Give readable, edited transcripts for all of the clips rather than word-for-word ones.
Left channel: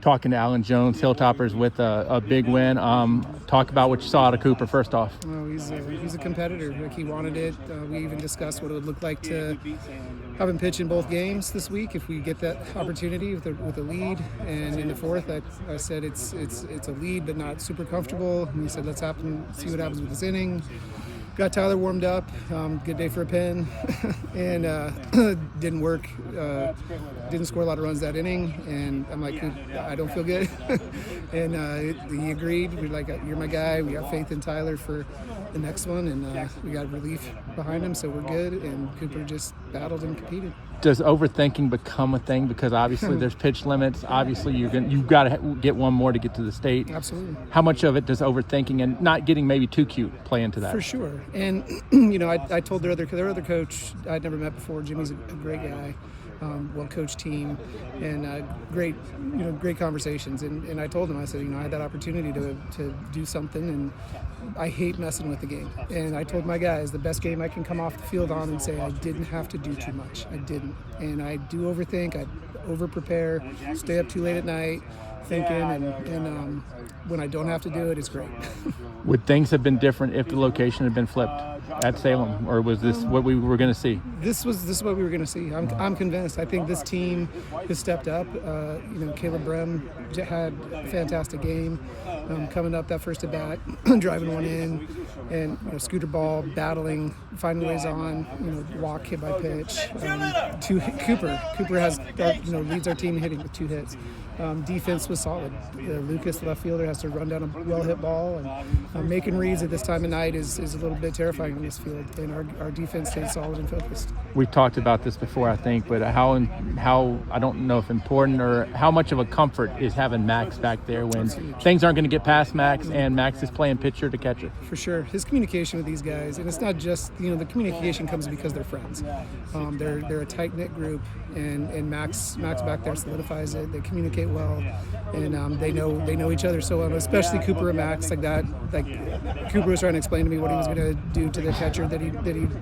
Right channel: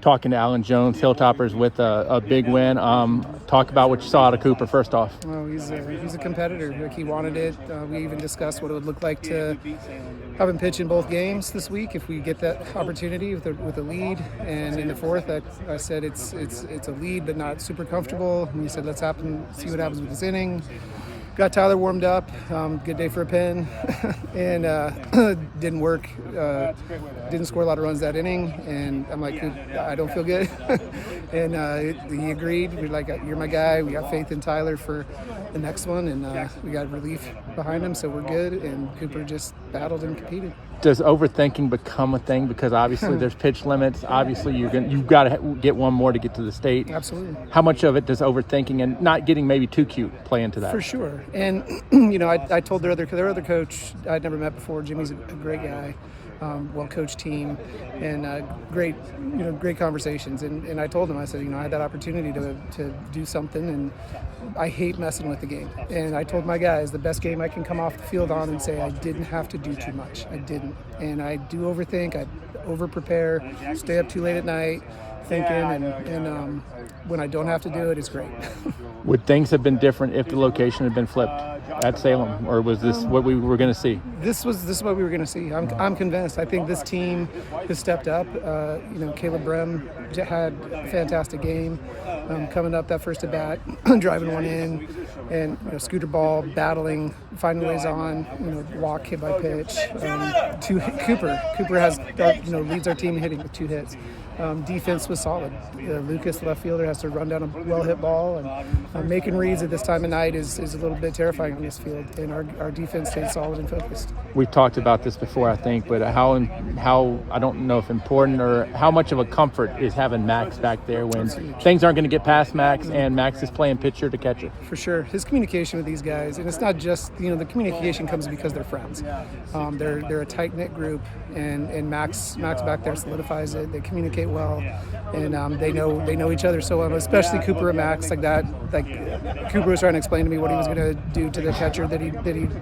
talking to Alan Jones, Hilltoppers with a big win. Talk about what you saw out of Cooper first off. Oh, he's a competitor. Like, he wanted it. We even discussed what it would look like to have him pitch in both games this week if we get that opportunity with a lead. And in the fourth, I said it's a lead but not super comfortable. And he said let's see what happens with this inning. Got Tyler warmed up. Good day for a pin, and didn't work. Didn't score a lot of runs that inning, and I'm like, I don't feel good. And he agreed. We're like, you're my guy. We got faith in Tyler for the next one, and we got relief behind him, so we're good. And Cooper just battled and competed. Does overthinking become a thing? Because obviously there's pitch limits. Obviously you've got to get one more to get to the state. Absolutely. How much of it does overthinking and not getting maybe too cute play into that? For sure. And I told their other coach I'd never met before. Jimmy's a great guy, well-coached team, and great conversations. And I told him, I said, I had that opportunity to do something, and I hate messing with the game. And I told my guys the best game I can come off the field on and say I didn't have to do too much. I didn't. And I do overthink. I over-prepare, stay up too late at night thinking, and when I don't have to do it, it's great. Would things have been different if the location had been flipped at Salem, or was this what we were going to see? This is what we were going to see. I'm convinced. I think this team has stepped up. Caleb Brem had a fantastic game. Coming up that first at bat, driving one in, and scooter ball, battling, finding ways on, walk, hit by pitch. Cooper has leads our team in hitting with 2 hits. Defense was solid. Lucas, the left fielder, has to run down a well-hit ball, and making reads at this time of night is a little bit terrifying on this field. And our defense stayed solid and focused. We've talked about this before, I think, but how I don't know if important or how much of a comfort is having Max back there when things aren't going to get past Max, and Max is playing pitcher to catcher. For sure, his communication with these guys, and it's not just the communication comes because they're friends. They're a tight-knit group, and Max back there solidifies it. They communicate well, and they know each other so well, especially Cooper and Max. Like Cooper was trying to explain to me what he was going to do to the catcher that he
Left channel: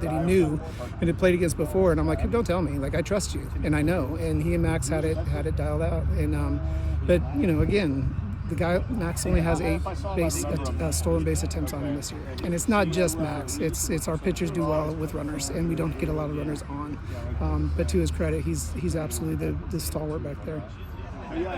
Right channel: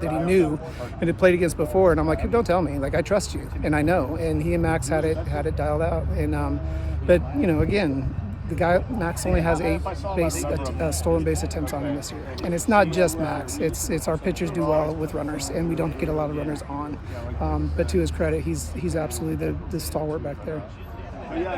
knew and had played against before, and I'm like, don't tell me. Like, I trust you, and I know. And he and Max had it dialed out, and but again, the guy Max only has 8 stolen base attempts on him this year, and it's not just Max. It's our pitchers do well with runners, and we don't get a lot of runners on. But to his credit, he's absolutely the stalwart back there.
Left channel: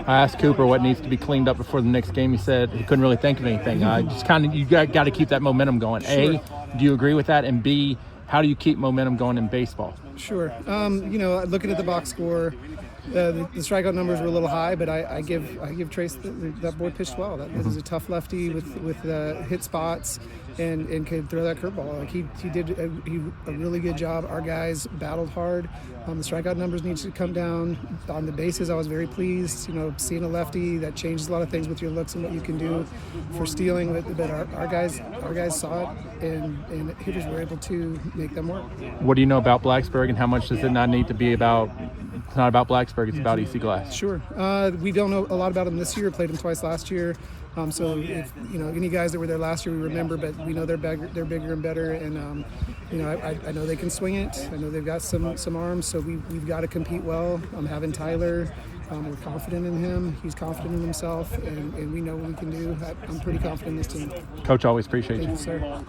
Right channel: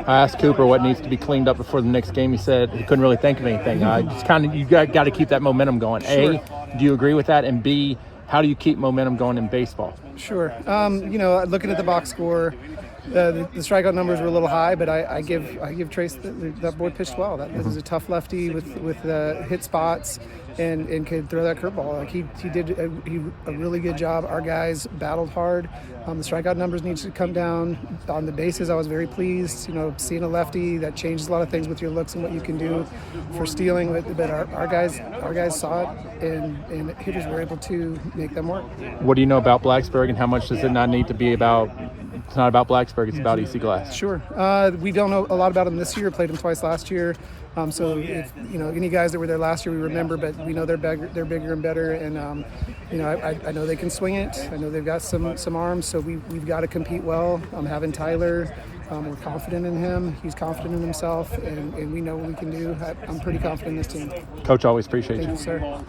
I asked Cooper what needs to be cleaned up before the next game. He said he couldn't really think of anything. You got to keep that momentum going. Sure. A, do you agree with that? And B, how do you keep momentum going in baseball? Sure. Looking at the box score, the strikeout numbers were a little high, but I give Trace that boy pitched well. That was a tough lefty with hit spots and could throw that curveball. Like he did a really good job. Our guys battled hard. The strikeout numbers need to come down. On the bases, I was very pleased. Seeing a lefty, that changes a lot of things with your looks and what you can do for stealing. But our guys saw it, and hitters were able to make them work. What do you know about Blacksburg, and how much does it not need to be about? It's not about Blacksburg, it's about EC Glass. Sure. We don't know a lot about them this year. Played them twice last year. So if any guys that were there last year we remember, but we know they're bigger and better, and I know they can swing it. I know they've got some arms, so we've got to compete well. Having Tyler, we're confident in him. He's confident in himself, and we know what we can do. I'm pretty confident in this team. Coach, always appreciate you. Thank you, sir.